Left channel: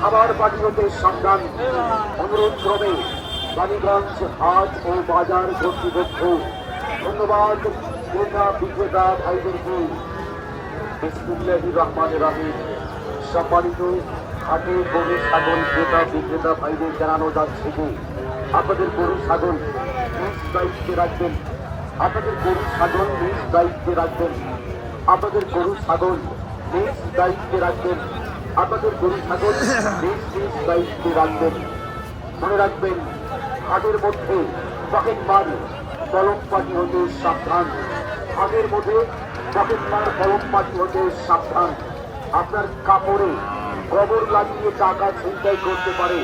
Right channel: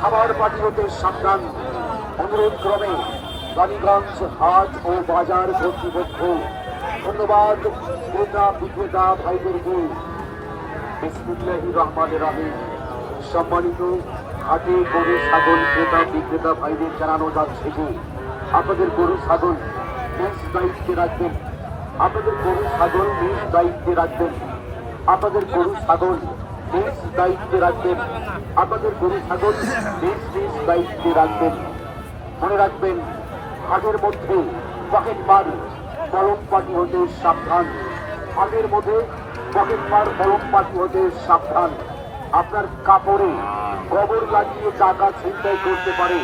খাবার পানি হতে সাবধান। অনুরোধ ক্রমে বাণীগঞ্জ হাট ও বাজার কর্তৃপক্ষ ধন্যবাদ ক্রেতা বিক্রেতা ভাইদেরকে। বিসমিল্লাহির রহমানির রহিম। সম্মানিত হাটে গরু ছাগল ক্রেতা বিক্রেতা ভাইদের জানানো যাচ্ছে যে আপনাদের গরু ছাগল নিজ দায়িত্বে রাখবেন। আপনাদের গরু ছাগল নিজ দায়িত্বে রাখবেন। আপনাদের গরু ছাগল নিজ দায়িত্বে রাখবেন। আপনাদের গরু ছাগল নিজ নিজ দায়িত্বে রাখবেন। মনে রাখবেন, হাটের মধ্যে পকেট মার কলম পাটি হতে সাবধান। হাটের মধ্যে পকেট মার কলম পাটি হতে সাবধান। আপনার কাপড়ে গোবর লাগিয়ে টাকা ছিনতাই করতে পারে।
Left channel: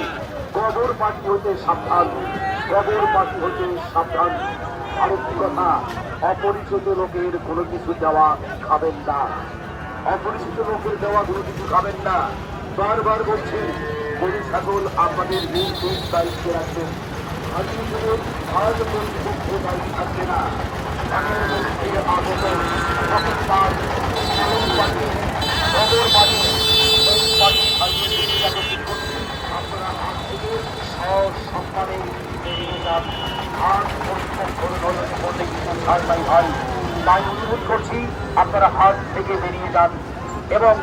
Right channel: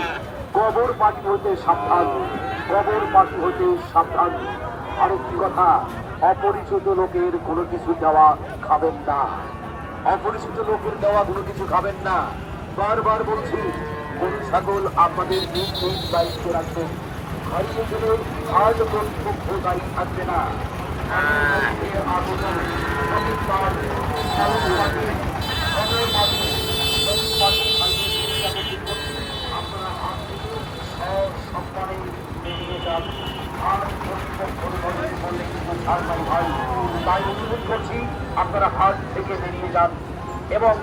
গোবর পাটি হতে সাবধান। গোবর পাটি হতে সাবধান। আরেকটি কথা, অপরিচিত লোকের কোনো কিছু দেওয়া খাবেন না। অপরিচিত লোকের দেওয়া কোনো কিছু খাবেন না। বারবার বলছি, গরু ছাগল আপনাদের নিজ নিজ দায়িত্বে রাখবেন। অন্যজনের আজ কর্তৃপক্ষ দায়ী থাকবে না। আগের মধ্যে আগত পকেট মার কলম পাটি গোবর পাটি আপনারা হাত থেকে সসম্মানে বেরিয়ে যান। হাত বললে কিছু ছাড় নাই হয়। তাই অনুরোধ করছি, আপনারা হাত থেকে বেরিয়ে যান এবং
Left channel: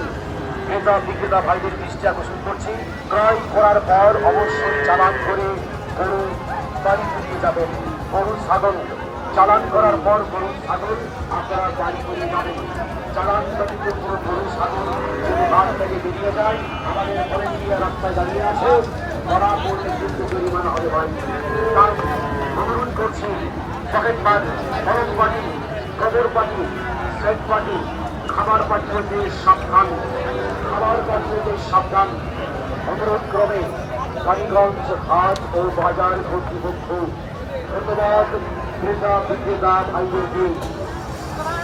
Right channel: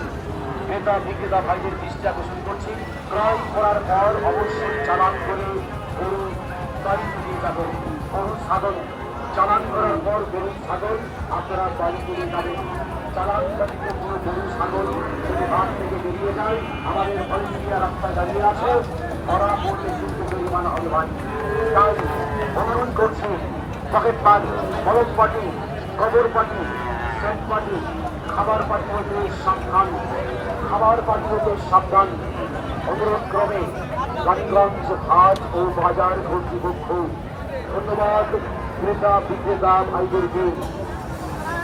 ক্রেতা বিক্রেতা ভাইদের দৃষ্টি আকর্ষণ করছি, ক্রয় করার পর অবশ্যই চালান করে গরু বাড়ি ফিরিয়ে যাবেন। গরু ছাগল চালান করার পর গরু ছাগল আপনারা বাড়ি ফিরিয়ে যাবেন। চালান ব্যতীত কোনো গরু ছাগল যদি হাত থেকে বেরিয়ে যায়, আমাদের ভলেন্টিয়ার রাস্তায় দাঁড়িয়ে আছে, ধরা পড়লে কিন্তু জরিমানা হবে ভাই। তাই অনুরোধ করছি, পকেট মার কলম পাটি গোবর পাটি সেট পাটি খাবার পাটি হতে সাবধান। খাবার পাটি হতে সাবধান। অনুরোধ ক্রমে বাণীগঞ্জ হাট ও বাজার কর্তৃপক্ষ ধন্যবাদ ক্রেতা বিক্রেতা ভাইদেরকে।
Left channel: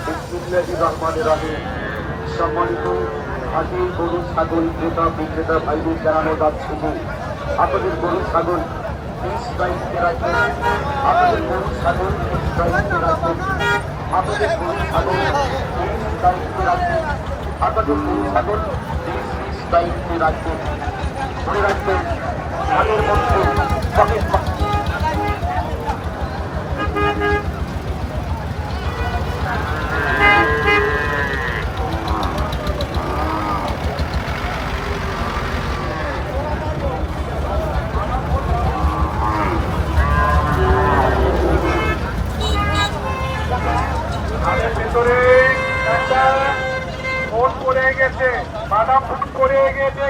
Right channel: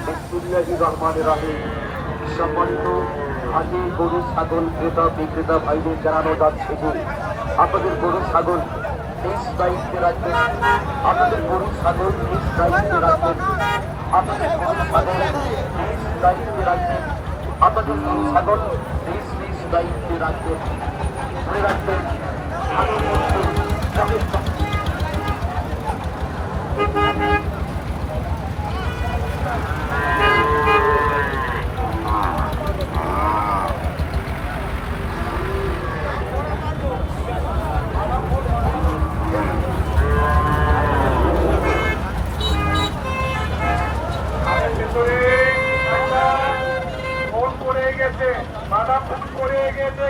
বিসমিল্লাহির রহমানির রহিম। সম্মানিত হাটে গরু ছাগল ক্রেতা বিক্রেতা ভাইদের জানানো যাচ্ছে যে আপনাদের গরু ছাগল নিজ দায়িত্বে রাখবেন। আপনাদের গরু ছাগল নিজ দায়িত্বে রাখবেন। আপনাদের গরু ছাগল নিজ দায়িত্বে রাখবেন। আপনাদের গরু ছাগল নিজ নিজ দায়িত্বে রাখবেন। মনে রাখবেন, হাটের মধ্যে পকেট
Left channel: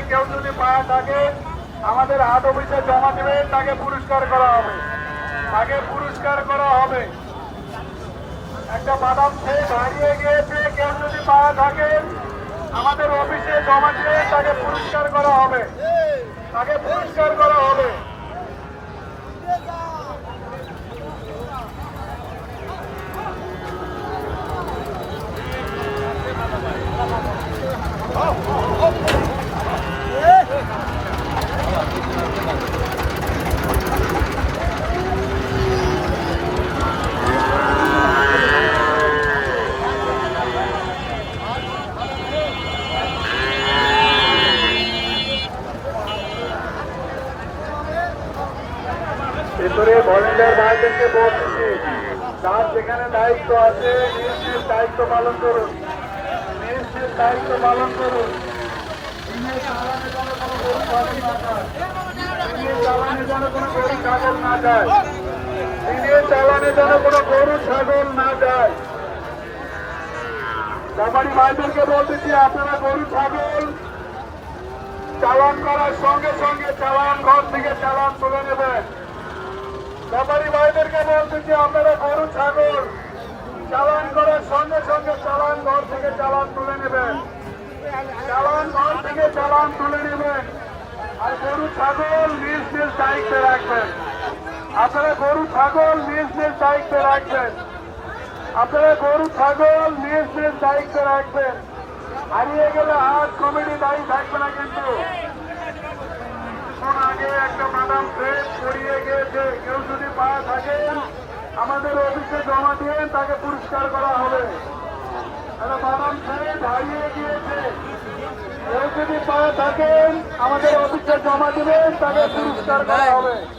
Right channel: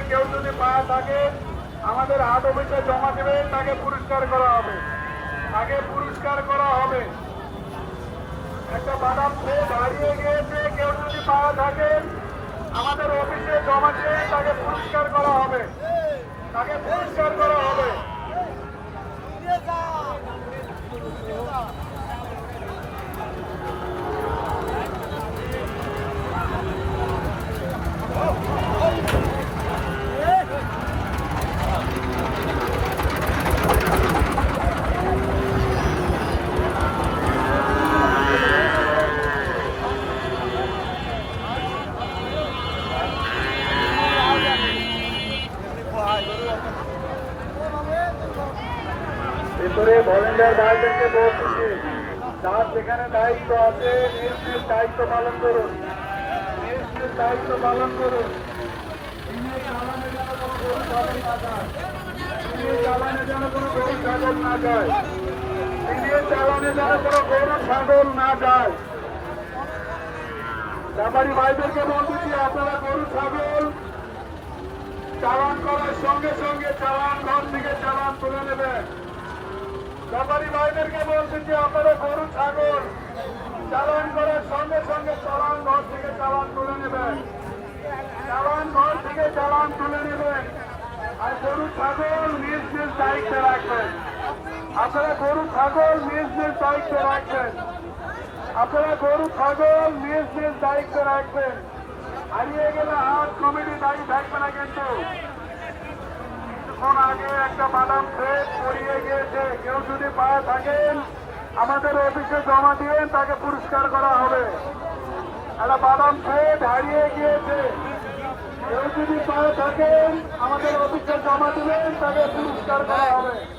কেউ যদি পায়ে থাকে আমাদের হাট অফিসে জমা দেবে, তাকে পুরস্কার করা হবে। তাকে পুরস্কার করা হবে। একটা বাদাম খেয়ে দাঁড়িয়ে গিয়েছে, কেউ যদি পায়ে থাকে আমাদের অফিসে জমা দেবে, তাকে পুরস্কার করা হবে। তাকে পুরস্কার করা হবে। ভেতরে ভলেন্টিয়ার ভাইদেরকে বলছি, তার যেখানে দায়িত্ব আছে নিজ নিজ দায়িত্ব পালন করুন। নিজ নিজ দায়িত্ব পালন করুন। চালানে যেন কোনো গরু ছাগল না যায়। চালানে যেন কোনো গরু ছাগল না যায়। ব্যাপারী ভাইদেরকে বলতেছি, আপনারা গরু ছাগল চালান করার সঙ্গে সঙ্গে চালান ঘর থেকে চালান তুলে নেবেন। ব্যাপারী ভাইদেরকে বলতেছি, আপনারা গরু ছাগল চালান করার সঙ্গে সঙ্গে চালান ঘর থেকে চালান তুলে নেবেন। চালান ঘর থেকে চালান তুলে নেবেন। আর গরু ছাগল নিজ নিজ দায়িত্বে রাখবেন। আপনারা গরু ছাগল নিজ নিজ দায়িত্বে রাখবেন। আপনারা গরু ছাগল নিজ নিজ দায়িত্বে রাখবেন। হারিয়ে গেলে হাট কমিটি দায়ী থাকবে না। কিন্তু কিছুক্ষণ আগে একটা বাদাম খেয়ে পড়িয়ে গিয়েছে, কেউ যদি পায়ে থাকেন আমাদের অফিসে জমা দিয়ে তাকে পুরস্কার করা হবে। একটা বাদাম খেয়ে হারিয়ে গিয়েছে, কেউ যদি পায়ে থাকেন আমাদের জমা দেবেন তাদের পুরস্কার করা হবে।